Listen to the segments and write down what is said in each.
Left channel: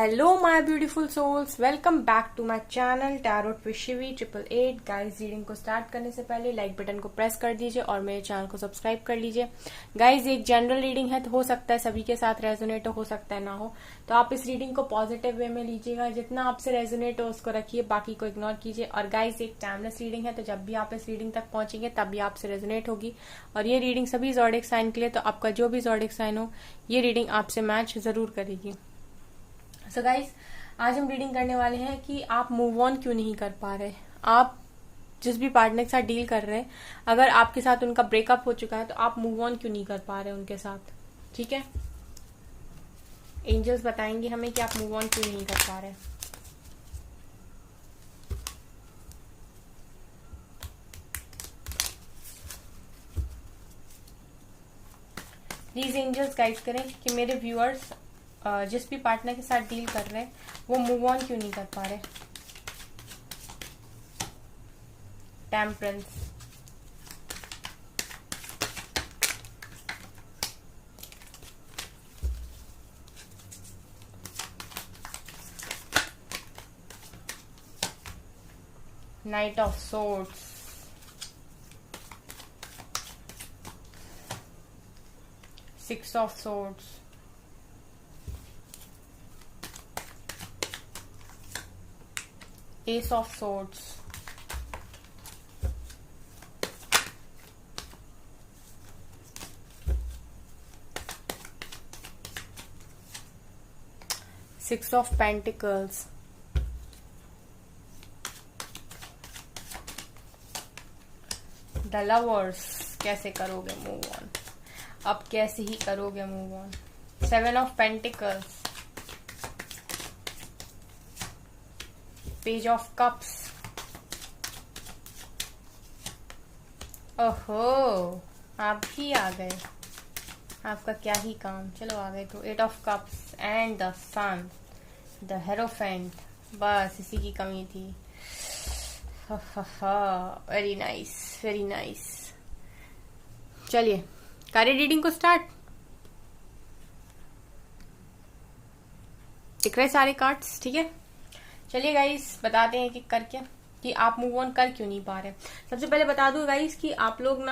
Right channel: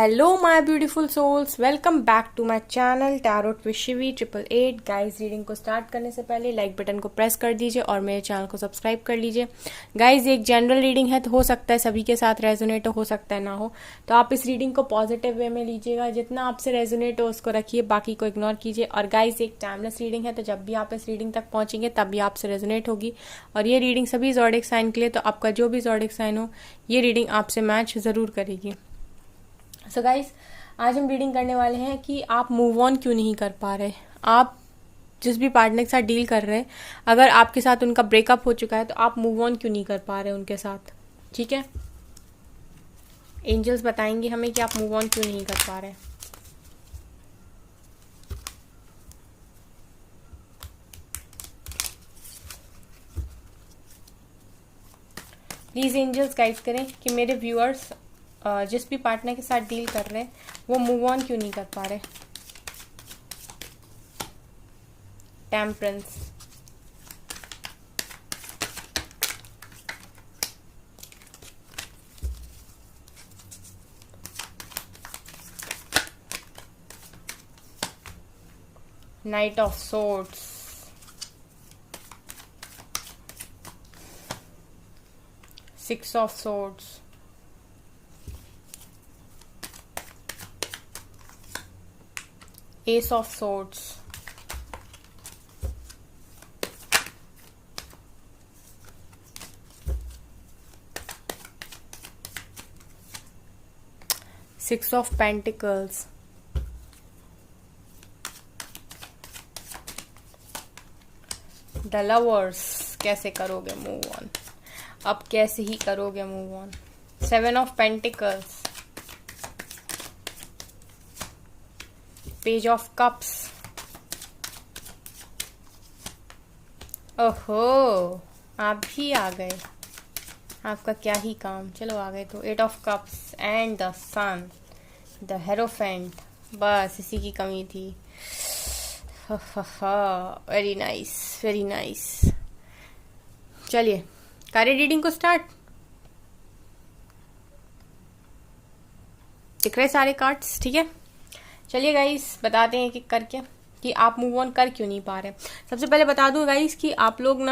Hello my beautiful souls, welcome back to my channel tarot with Shivi 888। Guys, reading को start करने से पहले like button को press कर दीजिए और मेरे चैनल को सब्सक्राइब कर लीजिए। गाइस, ये एक जनरल रीडिंग है, तो हो सकता है सभी के साथ रेजोनेट हो सकता है ना हो, तो आप इस रीडिंग को पॉजिटिव वे में लीजिएगा। जितना आपसे रेजोनेट हो उसको रखिए, बाकी को इग्नोर कीजिए। और गाइस, एक टाइमलेस रीडिंग है, तो जब भी आप इस रीडिंग तक पहुंचेंगे तब भी आपसे रेजोनेट होगी। और ये रीडिंग सभी ज़ोडिएक साइन के लिए, तो आपका जो भी ज़ोडिएक साइन हो ये रीडिंग आपसे मैच जरूर करेगी। सो गाइस, आज हम रीडिंग करने वाले हैं कि आप मूव ऑन क्यों नहीं कर पा रहे। आप जिस भी पार्टनर के साथ डील कर रहे हैं, अगर आपके साथ उनका ब्रेकअप हो चुका है तो आप मूव ऑन क्यों नहीं कर पा रहे उनके साथ। ठीक है, एंजल्स बताएंगे हमें कि आप मूव ऑन क्यों नहीं कर पा रहे। प्लीज एंजल्स गाइड करें कि मेरे व्यूअर्स जिस भी पार्टनर के साथ डील कर रहे हैं वो मूव ऑन क्यों नहीं कर पा रहे। Temperance, night of swords, six of swords, Ace of Swords, Six of Pentacles, The Lovers। कैसे करोगे मूव ऑन, अब कैसे ही करोगे move on. Seven of Pentacles, page of cups. ओहो, आप भी आ गए, आपका क्या ही काम, चलो आ गए तो। Eight of cups and the sun, the hierophant, बस इसी की कमी थी। Very nice, very nice. चलिए करें रीडिंग को स्टार्ट। दिख रहे सारे कार्ड्स, ठीक है। चलिए गाइस, बताते हैं कि कर क्या, कि आप मूव ऑन कर क्यों नहीं पा रहे। सबसे पहले बता दूं गाइस कि आप लोग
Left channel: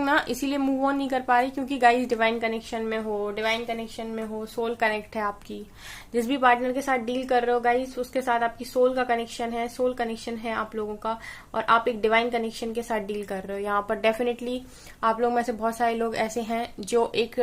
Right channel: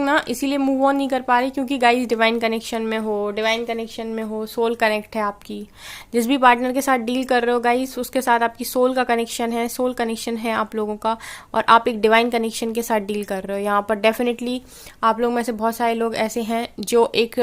ना इसीलिए मूव ऑन नहीं कर पा रहे क्योंकि गाइस डिवाइन कनेक्शन में हो, डिवाइन कनेक्शन में हो, सोल कनेक्ट है आपकी। जिस भी पार्टनर के साथ डील कर रहे हो गाइस, उसके साथ आपकी सोल का कनेक्शन है, सोल कनेक्शन है आप लोगों का, और आप एक डिवाइन कनेक्शन के साथ डील कर रहे हो। यहाँ पर डेफिनेटली आप लोग में से बहुत सारे लोग ऐसे हैं जो एक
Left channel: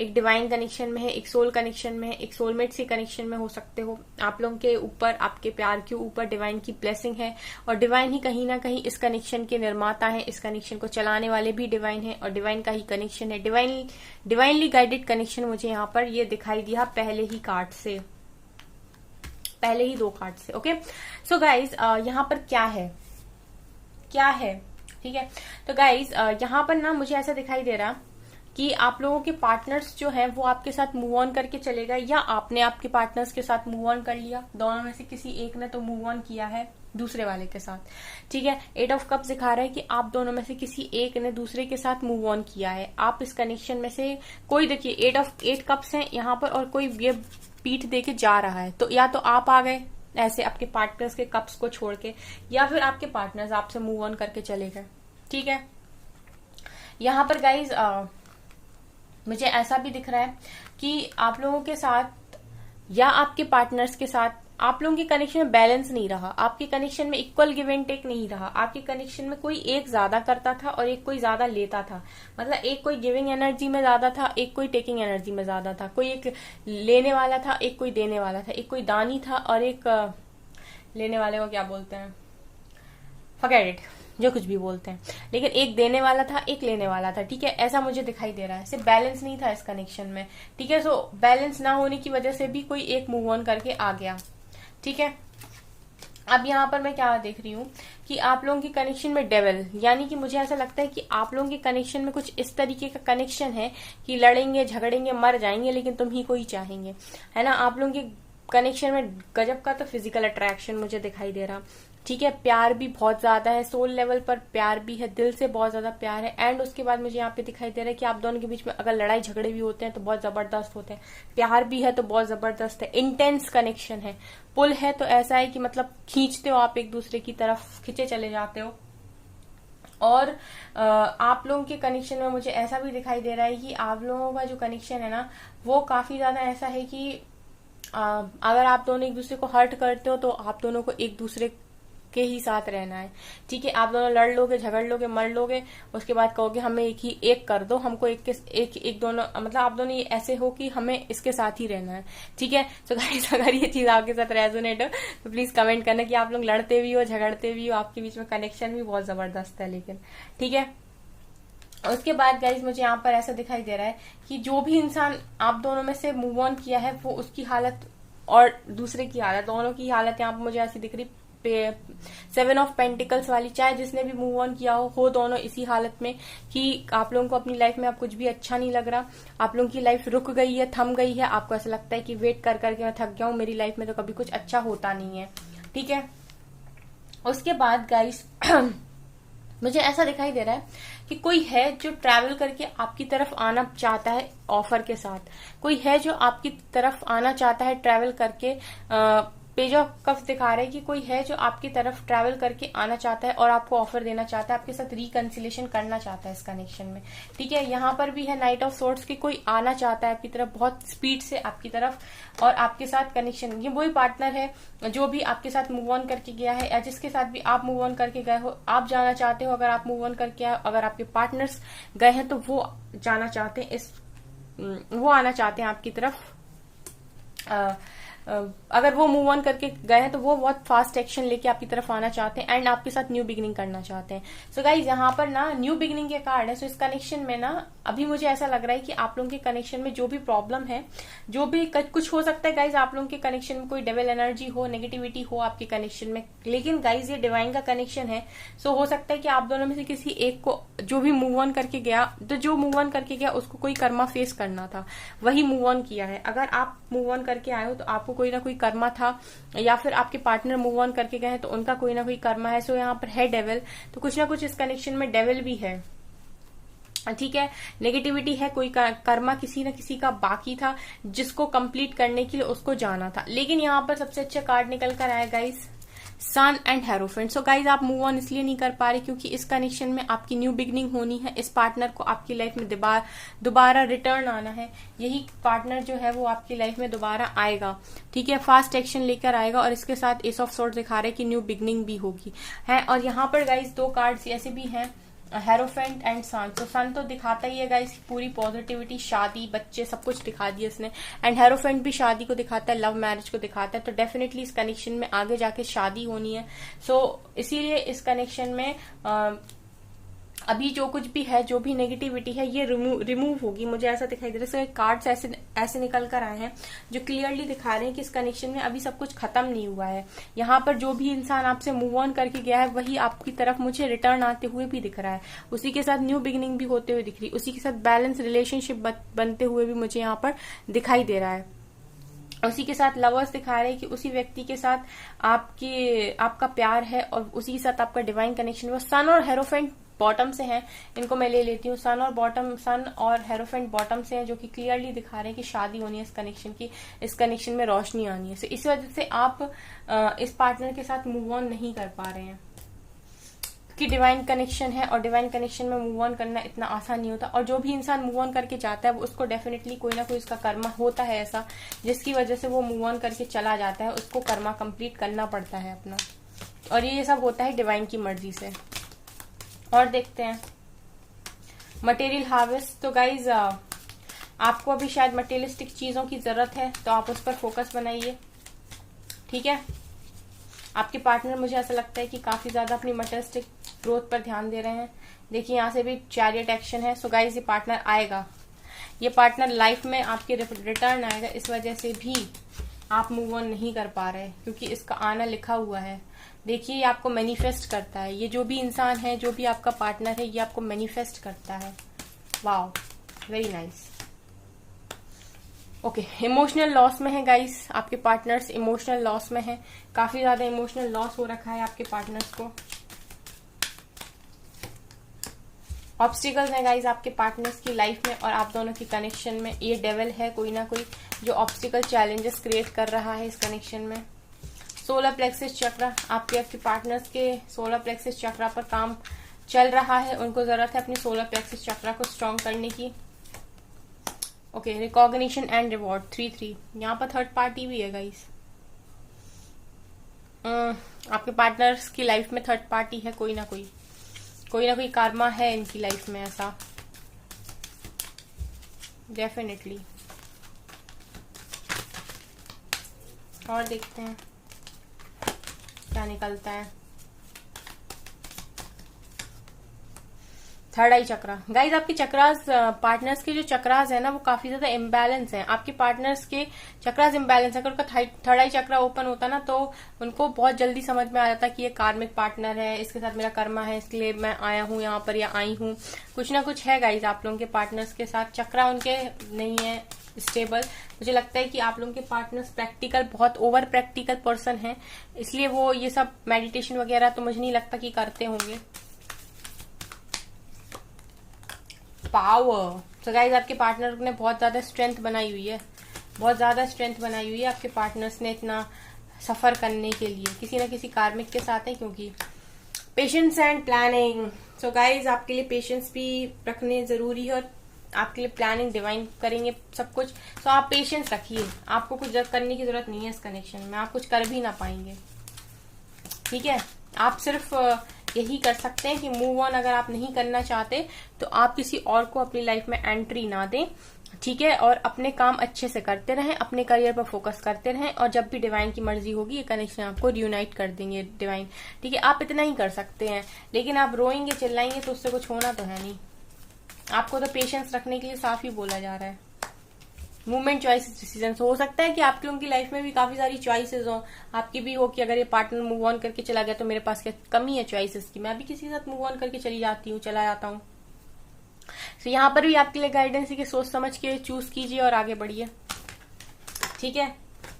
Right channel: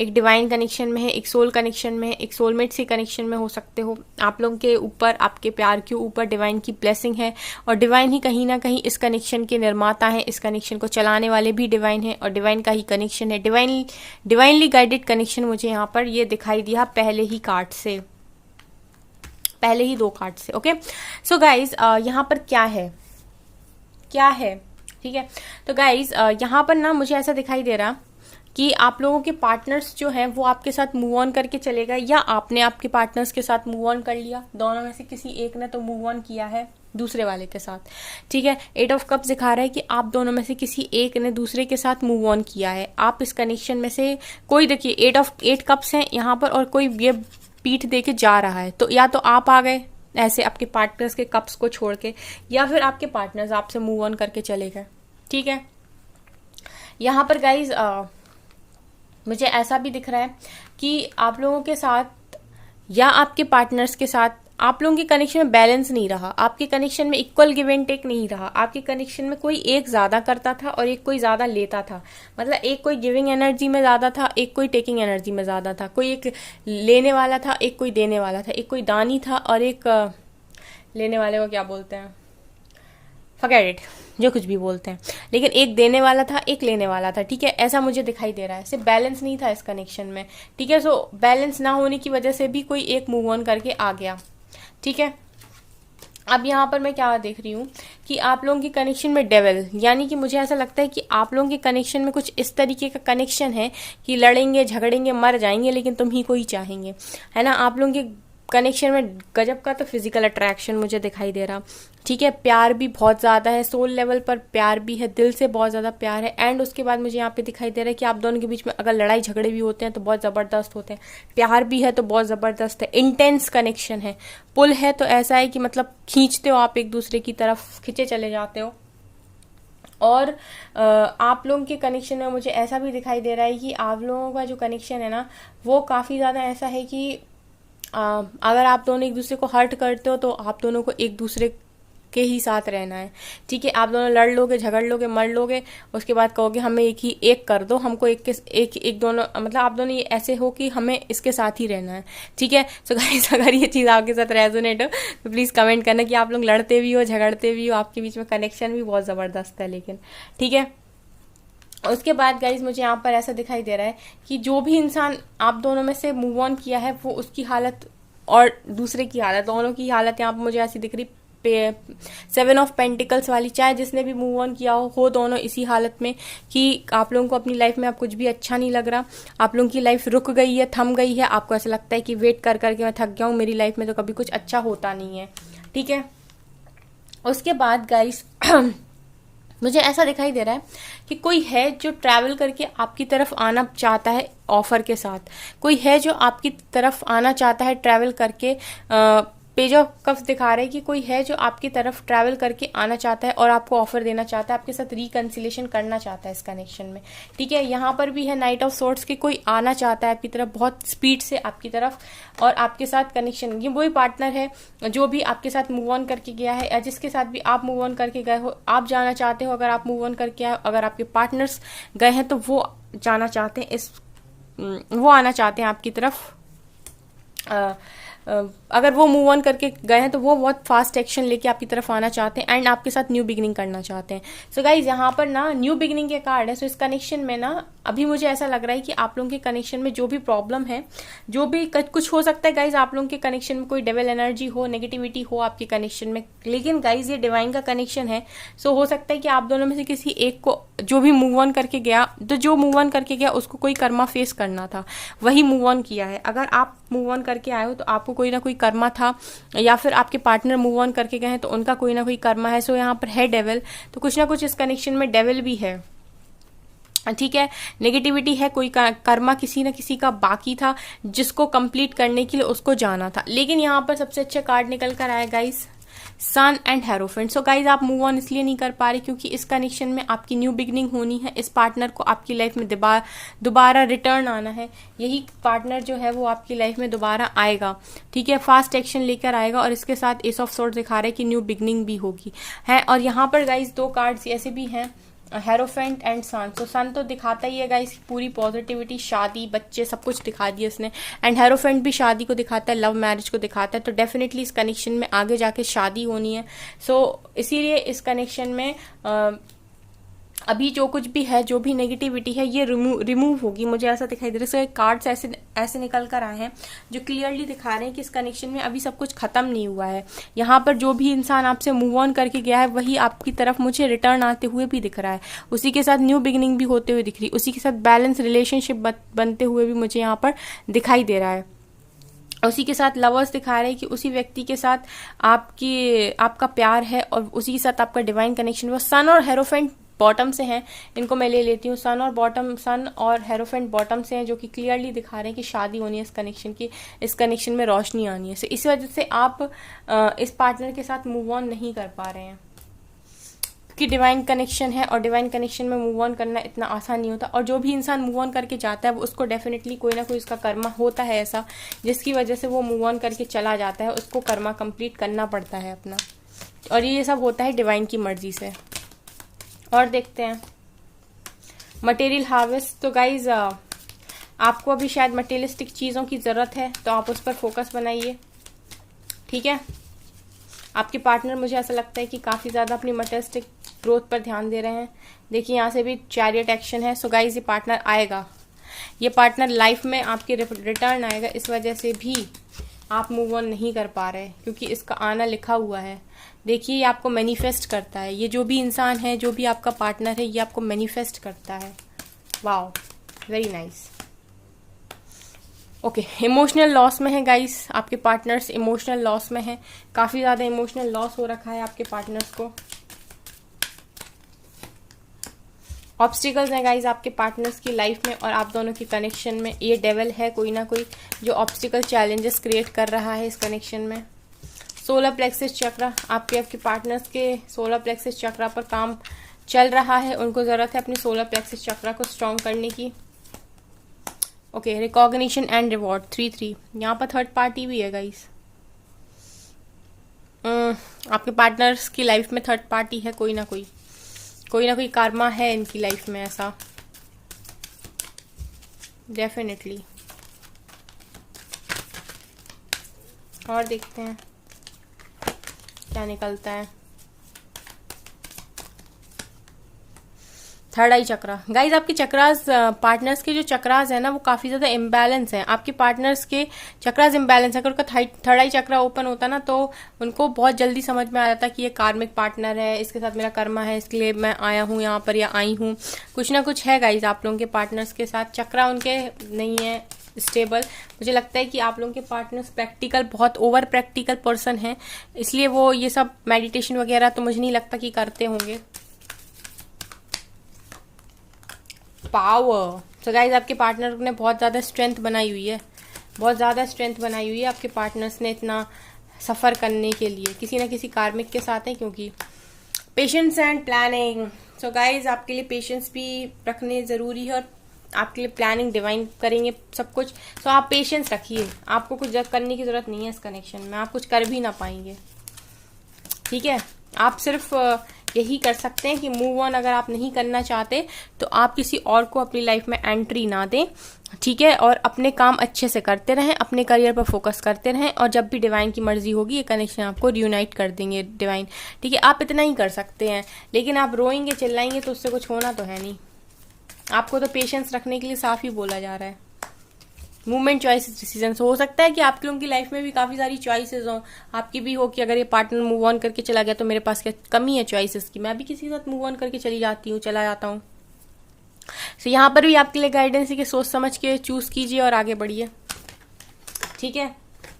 डिवाइन कनेक्शन में है, एक सोल कनेक्शन में है, एक सोलमेट से कनेक्शन में हो सकते हो। आप लोगों के ऊपर, आपके प्यार के ऊपर डिवाइन की ब्लेसिंग है, और डिवाइन ही कहीं ना कहीं इस कनेक्शन के निर्माता हैं, इस कनेक्शन को चलाने वाले भी डिवाइन है, और डिवाइन का ही कनेक्शन है। डिवाइनली गाइडेड कनेक्शन मुझे यहाँ पर ये दिखाई दिया पहले ही कार्ड से, पहले ही दो कार्ड से। ओके, सो गाइज यहाँ पर क्या है, ठीक है। तो गाइज यहाँ पर ना मुझे ऐसा दिखाई दे रहा कि आप लोगों के पार्टनर्स जो हैं वो आपके साथ मूव ऑन करके चलेगा, या आपने आपके पार्टनर्स के साथ मूव ऑन कर लिया। दोनों में से किसी एक ने तो मूव ऑन किया है दूसरे वाले के साथ, ठीक है। एट ऑफ कप्स दिखा रहा है कि आप दोनों में से किसी एक ने दूसरे के साथ मूव ऑन किया है। आप इस कनेक्शन में से कोई, देखिए एट कप्स हैं यहाँ पर, और कोई ये पीठ दे के जा रहा है, तो या तो आप आ गए ऐसे आपके पार्टनर्स के कप्स को छोड़ के, या फिर आपके पार्टनर्स आपसे मूव ऑन करके चले गए, ठीक है। यहाँ पर गाइज मुझे ऐसा भी दिख रहा है कि आप लोगों के साथ या आपके पार्टनर्स के साथ आप लोगों के कनेक्शन में बैलेंस नहीं रहा, आपके कनेक्शन में इक्वल गिव एंड टेक नहीं रहा। आपके कनेक्शन में कोई एक ज्यादा करता था और एक कोई ज्यादा लेता था, मतलब एक कोई गिविंग एनर्जी में ज्यादा था, एक कोई टेकिंग एनर्जी में ज्यादा था। कोई एक लेने वाला था, एक कोई देने वाला था, एक कोई दानी था और एक लेने वाले को क्या बोलते हैं, फॉरगेट इट, जो कुछ भी बोलते हैं, लेकिन एक देने वाला था, एक लेने वाला था, ठीक है। ऐसा मुझे दिखाई दे रहा है, सिर्फ बैलेंस नहीं था इस कनेक्शन में, ठीक है। सो बैलेंस ना होने की वजह से भी कोई एक मूव ऑन करके आ गया, ठीक है। अब यहाँ पर मैं क्या देख रही हूँ कि आप लोगों के कनेक्शन में डेविल, यानी कि मुझे ऐसा लगता है कि आप लोगों के कनेक्शन में कुछ इस तरीके का कनेक्शन है कि लड़ेंगे, झगड़ेंगे, मर जाएंगे, लेकिन तुम ही को ही चाहेंगे, है ना। आप लोगों के कनेक्शन में गजब का तो फिजिकल अट्रैक्शन मुझे दिखाई दे रहा, ठीक है, प्यार भी बहुत ज्यादा है, सोल लेवल पर प्यार भी है, दिल से बहुत ज्यादा प्यार है। एंड उसके बाद मुझे यहाँ पे दिखाई दे रहा है कि आप दोनों के बीच में अगर लड़ाई झगड़े भी होते हैं तो बहुत जबरदस्त होते हैं, प्यार भी है तो बहुत जबरदस्त है, इंटेंस कनेक्शन है, पुल है तो ऐसा है कि मतलब खींचते हो आप एक दूसरे की तरफ, खींचे चले जाते हो। और आप लोगों के कनेक्शन में मुझे ऐसा भी दिखाई दे रहा है कि आप लोगों का जो कनेक्शन है ना वो काफी ज्यादा ऐसा है कि अगर आप दोनों एक दूसरे को हर्ट करते हो तो आप दोनों को एक दूसरे के ही साथ रहना है। ठीक है, आप दोनों लड़ लोगे, झगड़ लोगे, मर लोगे, उसके बाद कहोगे हमें एक कर दो, हमको एक दोनों, मतलब आप दोनों ये ऐसे हो कि हमें इसके साथ ही रहना है। ठीक है, सो गाइस अगर ये चीज आपके साथ रेजोनेट हो तो प्लीज कमेंट करना कि आप लोग लड़ते भी हो, झगड़ते भी हो, आपके बीच में कनेक्शन भी बहुत जबरदस्त है। लेकिन ठीक है, उसके बाद गाइज मुझे यहाँ पर ऐसा दिखाई दे रहा है कि जो भी इंसान आप दोनों में से मूव ऑन किया है वो उसकी हालत और दूसरे की हालत, दोनों की हालत यहाँ पर मुझे ऐसी दिख रही, 7 ऑफ पेंटिकल्स वाली, चाहे जिसने भी मूव ऑन किया हो दोनों इसी हालत में कि आप लोगों को अपनी लाइफ में अब कुछ भी अच्छा नहीं लग रहा, आप लोगों की लाइफ रुक गई है, थम गई है, आपको ऐसा लगता है कि वेट कर करके मैं थक गया हूँ, मेरी लाइफ में तो कभी कुछ अच्छा होता नहीं है। ठीक है, उसके बाद गाइस मुझे ऐसा दिखाई दे रहा है कि कोई है जो ट्रैवल करके आपकी तरफ आना चाहता है ऑफर के साथ, कोई है जो आपकी तरफ आना चाहता है ट्रैवल करके। पेज ऑफ कप्स दिखा रहे हैं कि कोई है जो आपकी तरफ ट्रैवल करके आना चाहता है और आपको ऑफर देना चाहता है, आपके साथ रिकंसिलेशन करना चाहता है इस कनेक्शन में। ठीक है, यहाँ पर भी है नाइट ऑफ सोर्ड्स की, कोई आना चाहता है आपकी तरफ बहुत स्पीड से आपकी तरफ और आपके साथ कनेक्शन, ये वही पार्टनर है जो भी आपके साथ मूव ऑन करके गया है या जिसके साथ भी आप मूव ऑन करके गए हो, आप जाना चाहते हो। अगर आप मूव ऑन करके आए, अगर आपके पार्टनर्स गए हैं तो वो जाना चाहते हैं वो आना चाहते हैं आपकी तरफ। अगर वो मूव ऑन करके गए हैं तो वो बहुत फास्ट एक्शन लेके आपकी तरफ आना चाहते हैं एंड आपके साथ न्यू बिगिनिंग करना चाहते हैं। सो गाइज यहाँ पर ना न्यू बिगिनिंग के कार्ड है। सो इस कनेक्शन में ना अभी मुझे ऐसा लग रहा है कि आप लोगों के कनेक्शन में जो भी प्रॉब्लम है, जो भी कुछ हो सकता है गाइज, आप लोगों के कनेक्शन में कोई डेविल एनर्जी हो, नेगेटिविटी हो आपके कनेक्शन में, लेकिन गाइज ये डिवाइन का कनेक्शन है। सो हो सकता है कि आप दोनों में से किसी एक को जो भी मूव ऑन करके गया, तो जो मूव ऑन करके गया उसको कोई कर्मा फेस करना था, वही मूव ऑन किया है। अगर आप मूव ऑन करके आए हो तो आपको कोई ना कोई कर्मा था, या फिर आपके पार्टनर मूव ऑन करके गए हैं तो उनका कोई ना कोई कर्मा है। सो यहाँ पर है डेविल, तो कुछ ना कुछ इस कनेक्शन में डेविल भी है। ठीक है, नेगेटिविटी है, कोई कर्मा किसी न किसी का बाकी था जिसको कंप्लीट करने के लिए उसको जाना था। लेकिन यहाँ पर सबसे अच्छा कार्ड निकल कर आया guys, sun and hierophant. So guys आप मूव ऑन इसलिए नहीं कर पा रहे क्योंकि इस कनेक्शन में आपकी न्यू बिगनिंग होनी है, इस पार्टनर को आपकी लाइफ में दोबारा रिटर्न आना है। यही पार्टनर जो है वो आपकी लाइफ में दोबारा आएगा। ठीक है, फास्ट एक्शन लेकर आएगा और इसके साथ एस ऑफ सोर्ड दिखा रहे हैं कि न्यू बिगनिंग भी होगी है। और यहाँ पर गाइज दो कार्ड्स ऐसे भी हैं, हेरोफेंट एंड सन। तो सन तो दिखाता ही है गाइस पूरी पॉजिटिविटी, शादी, बच्चे, सब कुछ दिखा दिया इसने। एंड हेरोफेंट भी शादी को दिखाता है, लव मैरिज को दिखाता है। तो डेफिनेटली इस कनेक्शन में आगे जाके शादी होनी है। सो इसीलिए इस कनेक्शन में अभी जो कुछ भी है, जो भी नेगेटिविटी है, ये रिमूव होगी, मुझे ऐसा दिखाई दे रहा है। कार्ड्स ऐसे निकल कर आए हैं जो क्लियरली दिखा रहे हैं कि इस कनेक्शन में अभी सब कुछ खत्म नहीं हुआ है। यहाँ पर जो भी इंसान आपसे मूव ऑन करके गया है वही आपकी तरफ मुझे रिटर्न आते हुए भी दिख रहा है, उसी के साथ न्यू बिगिनिंग भी होते हुए दिख रही, उसी के साथ बैलेंस रिलेशनशिप बनते हुए भी मुझे यहाँ पर दिखाई दे रहा है। उसी के साथ लवर्स दिखा रहे हैं कि उसी व्यक्ति के साथ आपका प्यार है और उसी के साथ आपका डिवाइन कनेक्शन। वो सन और हेरोफेंट बॉटम से हैं, इनको मैं ले लेती हूँ। सन और हेरोफेंट बॉटम से हैं, जो कि क्लियरली दिखा रहे हैं कि शादी होनी है इस कनेक्शन की, इस कनेक्शन में रोशनी आनी है। सो इसी वजह से आप इस पार्टनर के साथ मूव ऑन नहीं कर पा रहे हैं कि डिवाइन कनेक्शन है और डिवाइन कनेक्शन में मूव ऑन करना इतना आसान नहीं होता। और जो भी इंसान मूव ऑन करके जाता है वो उसको डेफिनेटली कोई ना कोई उसका कर्मा होता है ऐसा, जिसकी वजह से वो मूव ऑन करके चला जाता है, उसको कर्मा कंप्लीट करना पड़ता है अपना। और ये सब होता है डिवाइन की मर्जी से। और देखते हैं मटेरियल हार्वेस्ट। तो गाइज आपको अभी शायद मटेरियलिस्टिक चीजों की जरूरत है, तो आप उस पर फोकस बनाइए। ठीक है, आपके पार्टनर मुझे ऐसा लगता है कि काफी ज्यादा अपनी मटेरियलिस्टिक ग्रोथ पर ध्यान दे रहे हैं। देखिए यहाँ से भी चैरियट एक्शन है। सो गाइज ये पार्टनर आएगा, ये पार्टनर लाइफ में आपके रिटर्न आएगा। इस वजह से भी आप मूव ऑन नहीं कर पा रहे क्योंकि इसका आना लिखा हुआ है। देखिए ये आपको मैनिफेस्ट करता है, ये जो भी इंसान है, जो भी आपका पार्टनर है, ये आपको मैनिफेस्ट करता है। Wow, very nice. Okay, emotional loss में है गाइस, आपके पार्टनर्स इमोशनल लॉस में है, काफी ज्यादा इमोशनल लॉस हो रखा है आपके पार्टनर्स को। ऑब्स्टिकल्स हैं गाइस आपके पार्टनर्स की लाइफ में और आप दोनों की कनेक्शन में। ये डेविल है कोई ना कोई जो ऑब्स्टिकल चैलेंजेस क्रिएट कर रहा है इस कनेक्शन में। सोलर प्लेक्सिस चक्र, आपके पार्टनर्स के सोलर प्लेक्सिस चक्र पर काम चल रहा है, उनको जरूरत है अपनी सोलर प्लेक्सिस चक्र को स्ट्रॉन्ग करने की। ओके, रिकॉग्निशन एंड रिवॉर्ड 3-3, यहाँ पर थर्ड पार्टी भी है गाइस। आपके पार्टनर्स की लाइफ में थर्ड पार्टी है, कोई ना कोई कार्मा है इनकी लाइफ में ऐसा, डेफिनेटली। और देखते हैं क्या निकलता है। थर्ड आई चक्रा गाइज, आपके चक्रास, पार्टनर्स के जो चक्रास है ना वो काफी ज्यादा इम्बैलेंस है। आपके पार्टनर्स के चक्रास इम्बैलेंस है। अगर उनका थर्ड आई चक्रा ओपन होता ना तो उनको बहुत जल्दी समझ में आ जाता कि ये कार्मिक पार्टनर है, इसके साथ मेरा कर्मा है, इसके लिए मैं आया हूँ यहाँ पर या आई हूँ। कुछ ना कुछ है गाइज आप लोगों के पार्टनर्स के साथ। चक्रा उनके नहीं है स्टेबल। मुझे लगता है कि आप लोगों के पार्टनर्स प्रैक्टिकल, बहुत ओवर प्रैक्टिकल पर्सन है, इसलिए वो ये सब मेडिटेशन वगैरह तो मुझे नहीं लगता कि करते होंगे। पावर, तो गाइज आपके पार्टनर ने बहुत ज्यादा स्ट्रेंथ बनाई हुई है, बहुत ज्यादा स्ट्रेंथ बनाई हुई है आपके पार्टनर्स ने इतना सफर करने के लिए। किसी ना किसी कार्मिक के साथ है, क्योंकि patience and planning. So guys आपके लिए पेशेंस भी रखने जरूरी है और आपके लिए प्लानिंग डिवाइन करेंगे सब कुछ। सो आप पेशेंस रखिए, आपको कुछ करने की जरूरत नहीं है इस कनेक्शन में, आप कुछ कर भी ना पाएंगे, ठीक है। आप सिर्फ यही कर सकते हैं कि मूव ऑन। अगर आप नहीं करना चाहते तो आप किसी और को अपनी लाइफ में एंट्री ना दें, ठीक है, और अपने काम अच्छे से करते रहें, अपने करियर पर फोकस करते रहें, और जब भी डिवाइन की मर्जी होगी ये कनेक्शन आपको रियूनाइट कर देंगे डिवाइन, ठीक है। आप इतना ही कर सकते हैं, लेकिन आप रोएंगे चिल्लाएंगे तो उससे कुछ होना तो है नहीं। आपको तो पेशेंस रखने के लिए साफ ही बोला जा रहा है। Movement, choices, decisions. हो सकता है कि आपकी उनकी लाइफ में भी काफी सारी चॉइसेस हो, आपकी भी हो कि अगर ये पार्टनर मूव ऑन करके चला गया तो मेरे पास क्या कमी है चॉइसेस की, मैं भी किसी के साथ मूव ऑन करके चली जाती हूँ, चला जाता हूँ। तो यहाँ पर भी आपके लिए गाइडेंस है कि सोच समझ के चूज कीजिए और आगे बढ़िए, ठीक है।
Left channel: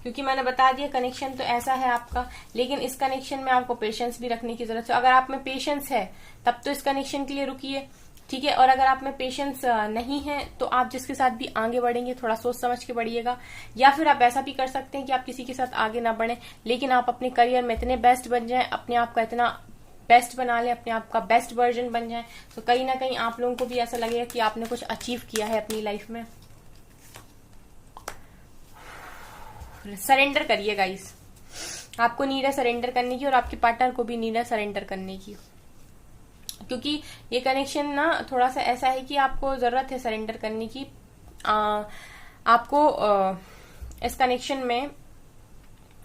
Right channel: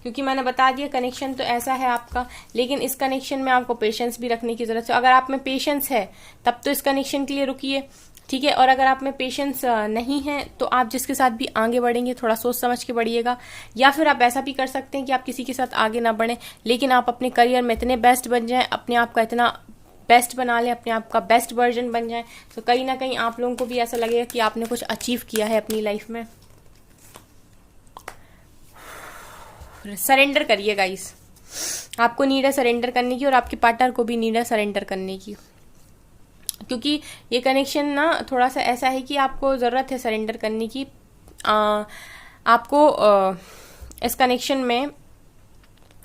क्योंकि मैंने बता दिया कनेक्शन तो ऐसा है आपका, लेकिन इस कनेक्शन में आपको पेशेंस भी रखने की जरूरत है। अगर आप में पेशेंस है तब तो इस कनेक्शन के लिए रुकिए, ठीक है। और अगर आप में पेशेंस नहीं है तो आप जिसके साथ भी आगे बढ़ेंगे थोड़ा सोच समझ के बढ़िएगा। या फिर आप ऐसा भी कर सकते हैं कि आप किसी के साथ आगे ना बढ़ें, लेकिन आप अपने करियर में इतने बेस्ट बन जाएं, अपने आप का इतना बेस्ट बना लें, अपने आप का बेस्ट वर्जन बन जाए, तो कहीं ना कहीं आप लोगों को भी ऐसा लगेगा कि आपने कुछ अचीव किया है अपनी लाइफ में। सरेंडर करिए गाइस, आपको नीड है सरेंडर करने की और आपके पार्टनर को भी नीड है सरेंडर करने की, क्योंकि ये कनेक्शन ना थोड़ा सा ऐसा है कि आपको जरूरत है सरेंडर करने की। आपको इस कनेक्शन में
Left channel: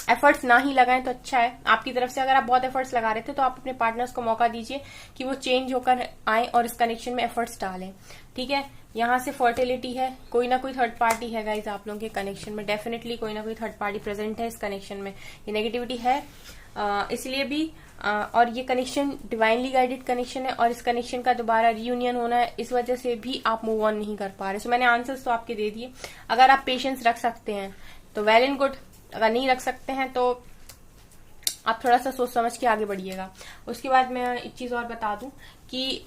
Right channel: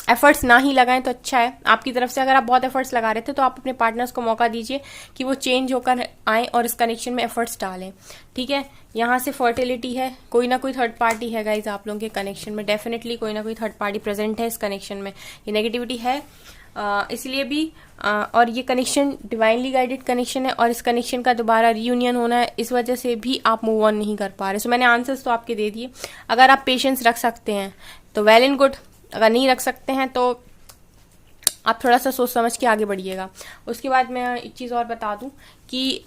एफर्ट्स ना ही लगाएं तो अच्छा है आपकी तरफ से। अगर आप बहुत एफर्ट्स लगा रहे थे तो आप अपने पार्टनर्स को मौका दीजिए कि वो चेंज होकर आए और इस कनेक्शन में एफर्ट्स डालें, ठीक है। यहाँ से फर्टिलिटी है, कोई ना कोई थर्ड पार्टी है गाइज आप लोगों के कनेक्शन में, डेफिनेटली कोई ना कोई थर्ड पार्टी प्रेजेंट है इस कनेक्शन में। ये नेगेटिविटी है इसलिए भी और ये कनेक्शन डिवाइनली गाइडेड कनेक्शन है और इस कनेक्शन का दोबारा रीयूनियन होना है, इस वजह से भी आप मूव ऑन नहीं कर पा रहे। सो मैंने आंसर्स तो आपके दे दिए। अगर आप पेशेंस रख सकते हैं तो वेल एंड गुड, अगर नहीं रख सकते हैं तो आप थोड़ा सा सोच समझ के आगे बढ़िएगा। उसके बाद मैं एक चीज और बता दूं कि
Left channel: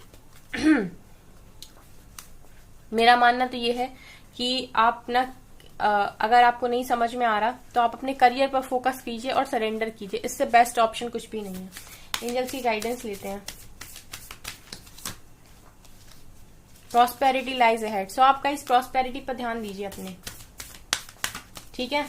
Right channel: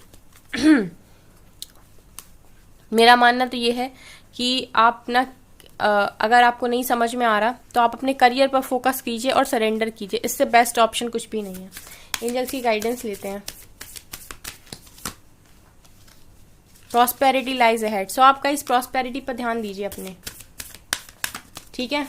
मेरा मानना तो ये है कि आप ना अगर आपको नहीं समझ में आ रहा तो आप अपने करियर पर फोकस कीजिए और सरेंडर कीजिए, इससे बेस्ट ऑप्शन कुछ भी नहीं है। एंजल्स की गाइडेंस लेते हैं। प्रॉस्पेरिटी लाइज अहेड, सो आपका इस प्रॉस्पेरिटी पर ध्यान दीजिए अपने, ठीक है।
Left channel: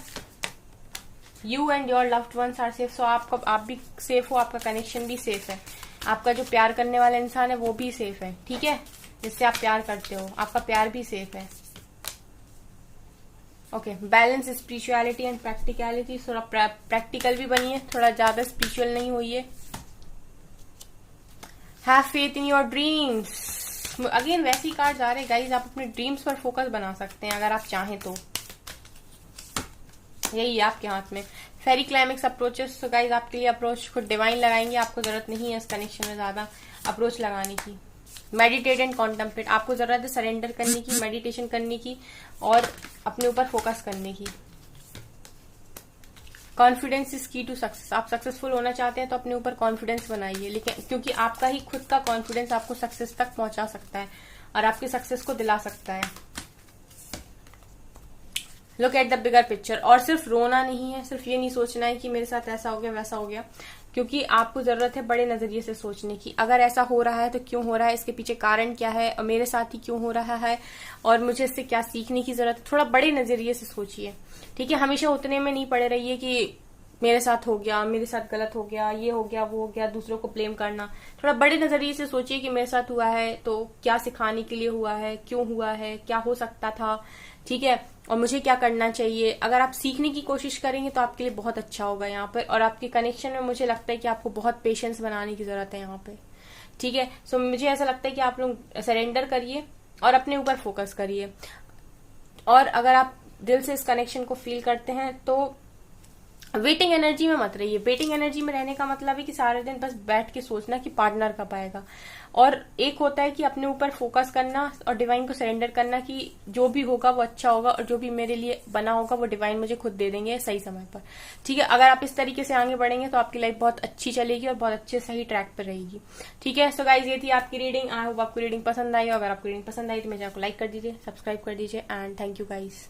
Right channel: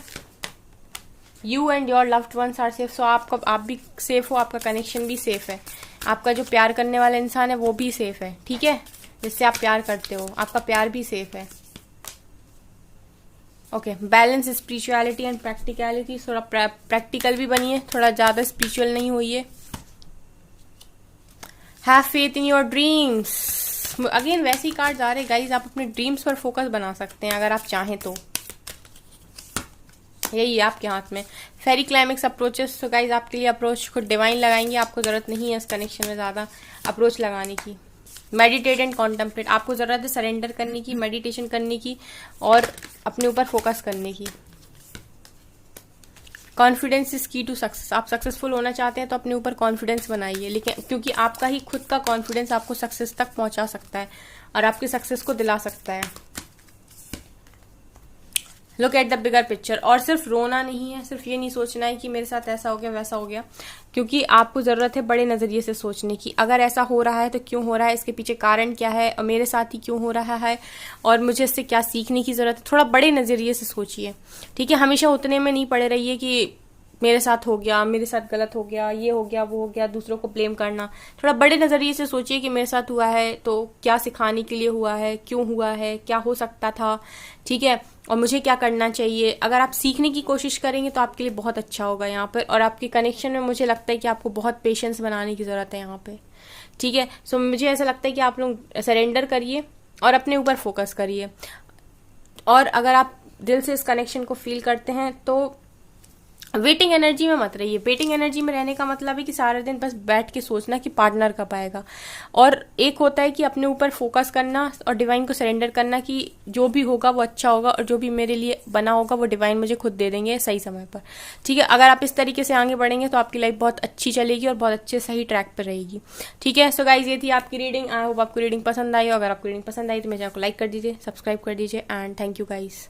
You and your loved ones are safe, so आप भी सेफ हो, आपका कनेक्शन भी सेफ है, आपका जो प्यार करने वाला इंसान है वो भी सेफ है, ठीक है, जिससे आप प्यार करते हो, आपका प्यार भी सेफ है। Okay, balance spirituality and practicality, थोड़ा प्रैक्टिकल भी बनिए, थोड़ा ज्यादा स्पिरिचुअल नहीं होइए। Have faith in your dreams, again वैसे ही कार्ड्स आ रहे गाइज, आप अपने ड्रीम्स पर फोकस बना सकते हैं अगर आप चाहें तो, यही है आपके हाथ में। फेरी क्लाइमेक्स अप्रोचेस, तो गाइज आपके लिए अप्रोच खुद डिवाइन लगाएंगे, आपको जरूरत नहीं है इस कनेक्शन में ज्यादा अप्रोच लगाने की। मेडिटेट एंड कॉन्टेम्पलेट, आपको जरूरत है सरेंडर करने की, मेडिटेशन करने की और अपने ऊपर फोकस करने की। कॉन्फिडेंस इज की टू सक्सेस, आप सक्सेसफुल होना चाहते हैं तो अपने ऊपर कॉन्फिडेंस बनाइए, लेकिन क्योंकि आपका ही खुद का कॉन्फिडेंस आपको सक्सेस तक पहुंचा सकता है और आपकी सक्सेस को दिला सकता है। Look at the bigger picture, और सिर्फ रोना नहीं है, सिर्फ ये नहीं सोचना है कि मेरे साथ ऐसा हो गया वैसा हो गया, क्योंकि आपको जरूरत है बड़े नजरिए से सोचने की। अगर ऐसा हो रहा है तो क्यों हो रहा है, इसके पीछे कारण क्या है और मेरे साथ ही क्यों हो रहा है और मुझे इससे क्या सीखने की जरूरत है। थोड़ा बड़े नजरिए से सोचिए, ठीक है। हमेशा उतने में नहीं पड़े रहिए कि मेरे साथ हो गया, मेरे साथ गलत हो गया, ये हो गया, वो हो गया, दूसरों को ब्लेम करना। थोड़ा बड़े नजरिए से सोचिए कि मेरे साथ हुआ है तो क्या सिखाने के लिए हुआ है, क्यों हुआ है, क्या हो सकता था, ठीक है, और मुझे क्या करना चाहिए। अगर आप सीखने की कोशिश करेंगे तो आपके लिए बहुत अच्छा होगा यहाँ पर। और आपके कनेक्शन में मुझे लगता है कि आपको बहुत पेशेंस बनाने की जरूरत है यहाँ पे, ठीक है। सो मुझे ऐसा लगता है कि आप लोग सरेंडर करिए और अपने ऊपर फोकस करिए। और अगर आप दिल से इस कनेक्शन को फील करते हैं तो वेटिंग एनर्जी में मत रहिए। वेटिंग एनर्जी में रहने का मतलब है कि सारा दिन बस बैठ के सोचना कि पार्टनर कब आएगा। और एक होता है कि अपने ऊपर फोकस करना और डिवाइन को सरेंडर करना कि जो भी होगा वो अच्छा होगा और जो भी मेरे लिए बना होगा वो डिवाइन मुझे खुद दे देंगे सही समय पर, ठीक है। अगर आप इस तरीके से आगे बढ़ेंगे तो आपकी लाइफ बहुत अच्छी चलेगी और बहुत अच्छे सही ट्रैक पर रहेगी, ठीक है। सो गाइज, ये थी आपकी रीडिंग। आई होप आपको रीडिंग पसंद आई। अगर आपको रीडिंग पसंद आई तो मेरे चैनल को लाइक कर दीजिए, सब्सक्राइब कर दीजिए एंड थैंक यू गाइज।